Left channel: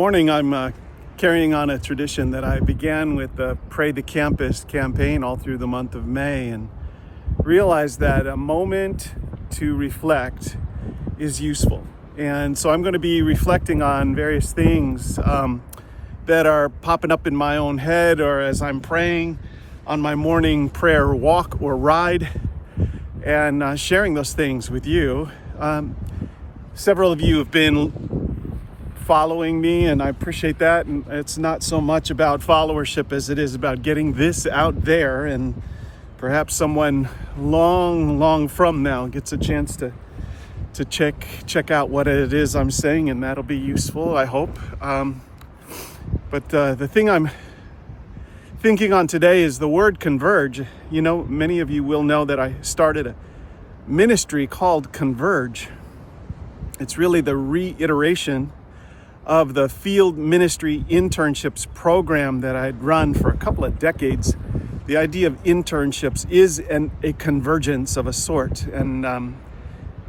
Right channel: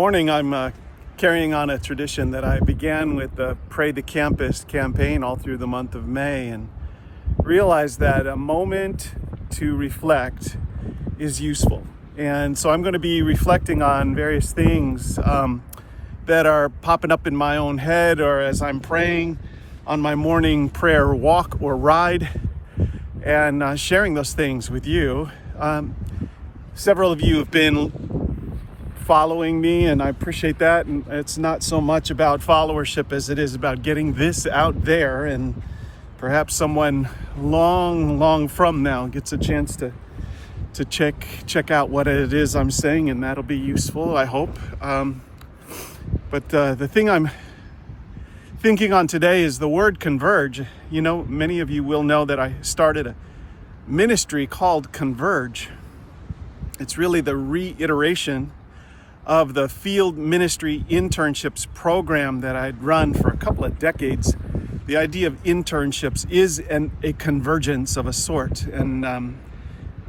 Morning. I'm carrying on a tradition that I began with the Pray the Campus campaign all through the month of May, and realized that a moment to reflect is useful. And so I'm going to be reflecting on various things that are popping up in my own head, or as I'm praying on my morning prayer walk or ride, and sharing those things with you. Several of you have been following me, and I appreciate that. And it's not so much about followership as it is about getting this out there, and perhaps someone long from now gets a chance to check out what it is I'm saying, and that'll be useful, I hope. But the thing I'm thinking on today is the word converge. You know, many of you will know that I started a ministry called Converge. It's really the reiteration of the field ministry internships program that I'd run for a couple of decades. The idea of internships is a convergence of a sort, and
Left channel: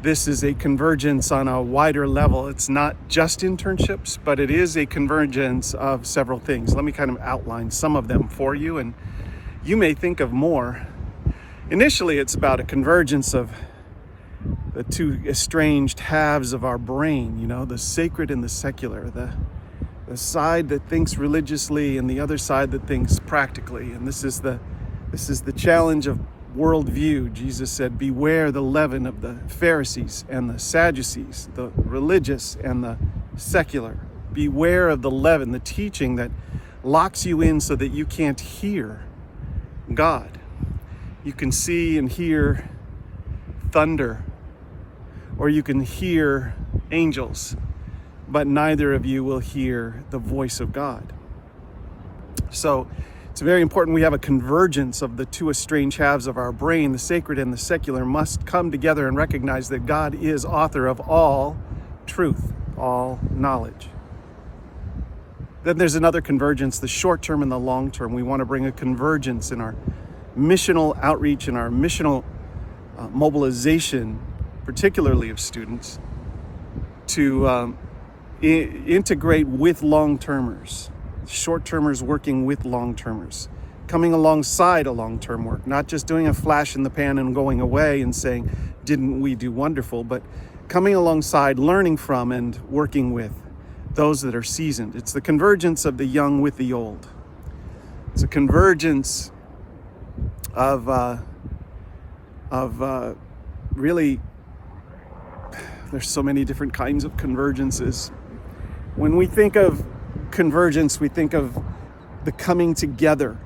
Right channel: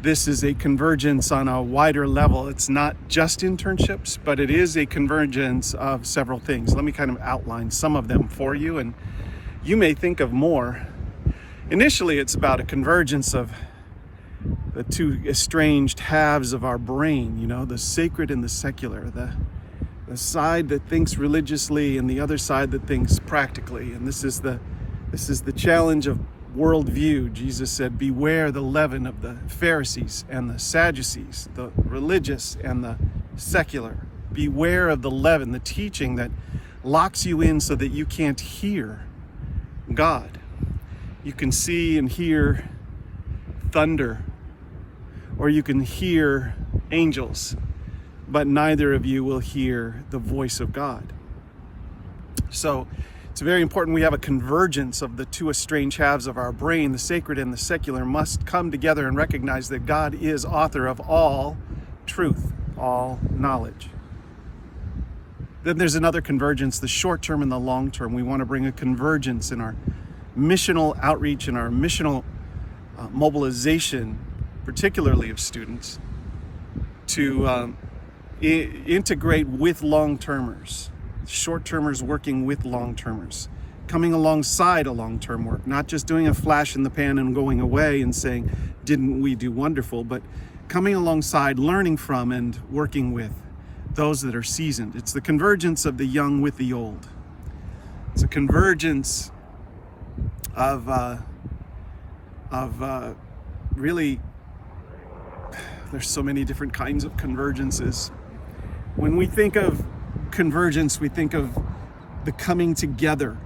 this is a convergence on a wider level. It's not just internships, but it is a convergence of several things. Let me kind of outline some of them for you, and you may think of more. Initially, it's about a convergence of the two estranged halves of our brain, you know, the sacred and the secular, the side that thinks religiously and the other side that thinks practically. And this is the challenge of worldview. Jesus said, beware the leaven of the Pharisees and the Sadducees, the religious and the secular. Beware of the leaven, the teaching that locks you in so that you can't hear God. You can see and hear thunder, or you can hear angels, but neither of you will hear the voice of God. So it's very important we have a convergence of the two estranged halves of our brain. The sacred and the secular must come together and recognize that God is author of all truth, all knowledge. Then there's another convergence, the short term and the long term. We want to bring a convergence in our missional outreach and our missional mobilization, particularly of students, to integrate with long-termers, short-termers working with long-termers, coming alongside a long-term work, not just doing a flash in the pan and going away and saying, didn't we do wonderful, but coming alongside, learning from and working with those that are seasoned. It's the convergence of the young with the old. It's a convergence of really, there's so many different kinds of convergences. When we think of convergence, we think of the coming together.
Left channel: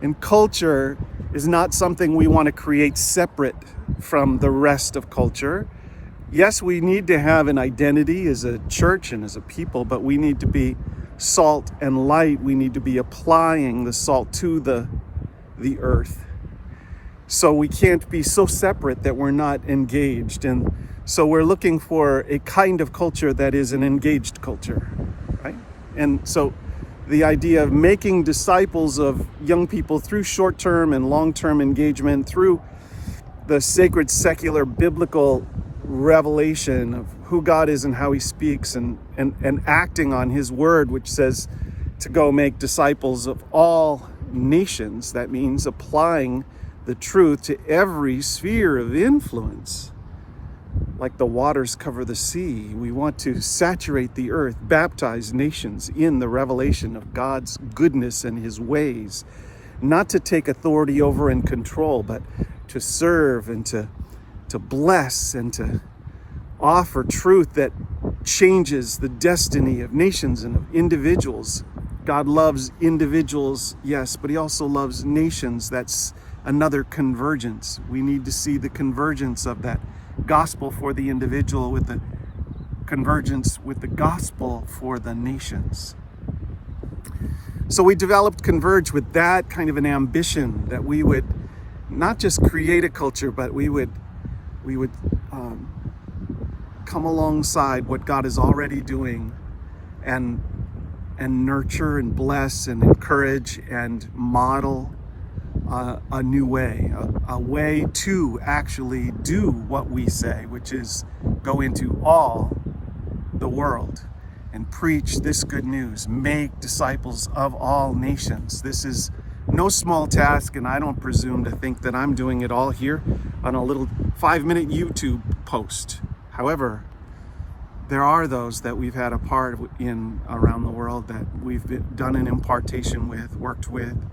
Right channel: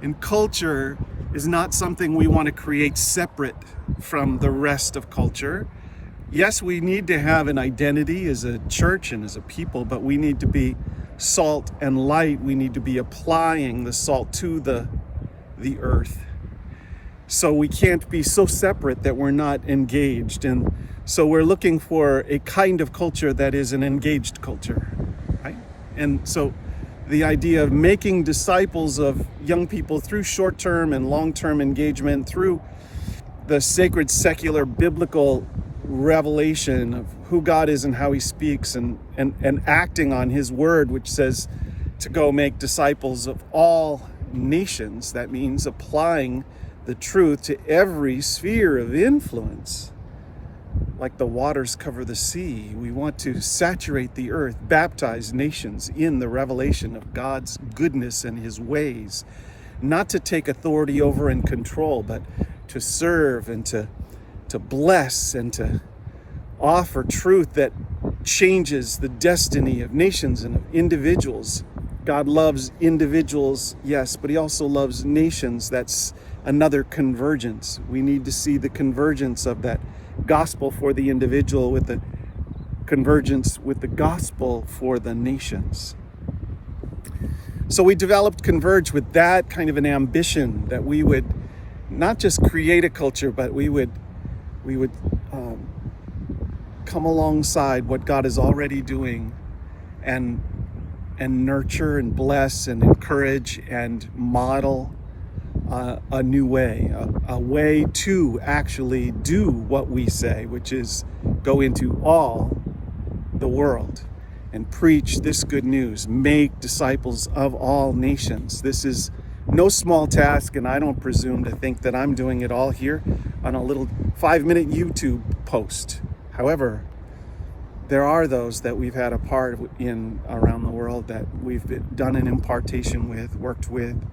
And culture is not something we want to create separate from the rest of culture. Yes, we need to have an identity as a church and as a people, but we need to be salt and light. We need to be applying the salt to the earth. So we can't be so separate that we're not engaged. And so we're looking for a kind of culture that is an engaged culture, right? And so the idea of making disciples of young people through short-term and long-term engagement, through the sacred, secular, biblical revelation of who God is and how he speaks, and acting on his word, which says to go make disciples of all nations. That means applying the truth to every sphere of influence. Like the waters cover the sea, we want to saturate the earth, baptize nations in the revelation of God's goodness and his ways, not to take authority over and control, but to serve and to bless and to offer truth that changes the destiny of nations and of individuals. God loves individuals, yes, but he also loves nations. That's another convergence. We need to see the convergence of that gospel for the individual with the convergence with the gospel for the nations. So we developed Converge with that kind of an ambition, that we would not just create a culture, but we would come alongside what God is already doing and nurture and bless and encourage and model a new way, a way to actually do what we say, which is go into all the world and preach this good news. Make disciples of all nations. This is no small task, and I don't presume to think that I'm doing it all here on a little 5-minute YouTube post. However, there are those that we've had a part in around the world that we've done an impartation with, worked with,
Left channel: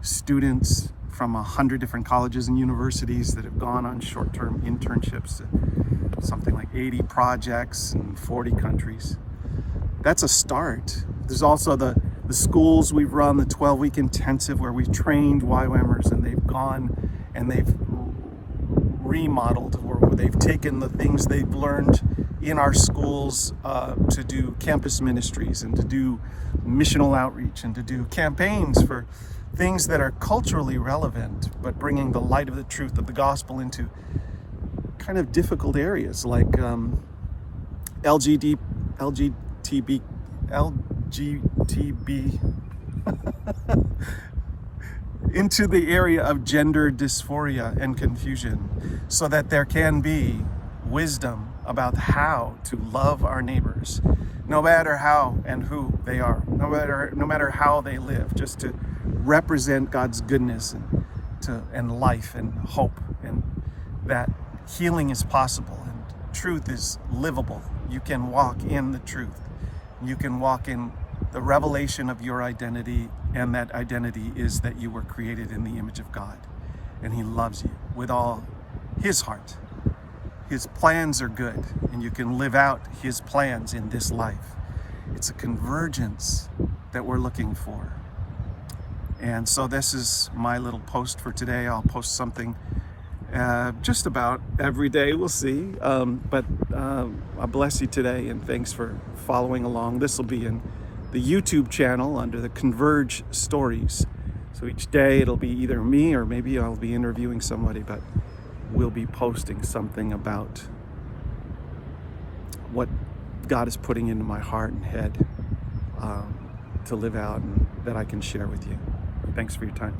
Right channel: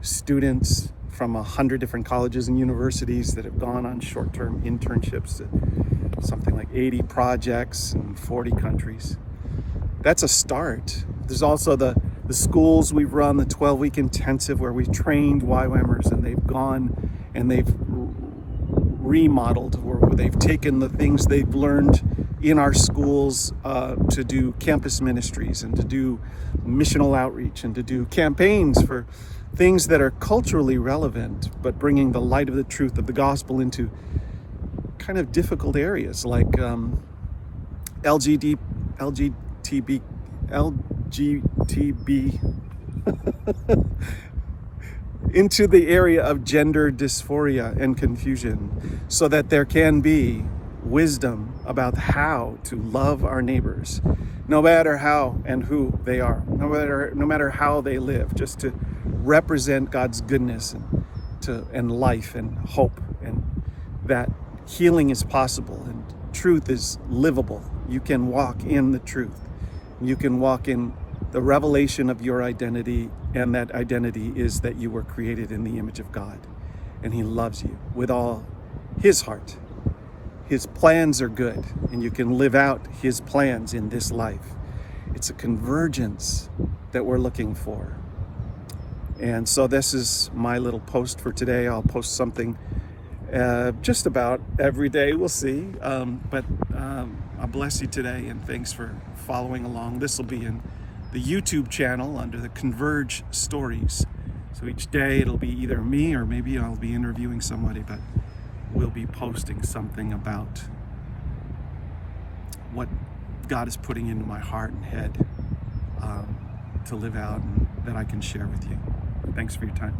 students from 100 different colleges and universities that have gone on short-term internships, something like 80 projects in 40 countries. That's a start. There's also the schools we've run, the 12-week intensive where we've trained YWAMers, and they've gone and they've remodeled, or they've taken the things they've learned in our schools to do campus ministries and to do missional outreach and to do campaigns for things that are culturally relevant, but bringing the light of the truth of the gospel into kind of difficult areas like LGTB into the area of gender dysphoria and confusion, so that there can be wisdom about how to love our neighbors, no matter how and who they are, no matter how they live, just to represent God's goodness and life and hope, and that healing is possible and truth is livable. You can walk in the truth. You can walk in the revelation of your identity, and that identity is that you were created in the image of God, and He loves you with all His heart. His plans are good, and you can live out His plans in this life. It's a convergence that we're looking for. And so this is my little post for today. I'll post something just about every day, we'll see. But I bless you today, and thanks for following along. This will be in the YouTube channel under the Converge stories. So each day it'll be either me or maybe I'll be interviewing somebody, but we'll be posting something about what God is putting into my heart and head to live out, and that I can share with you. Thanks for your time.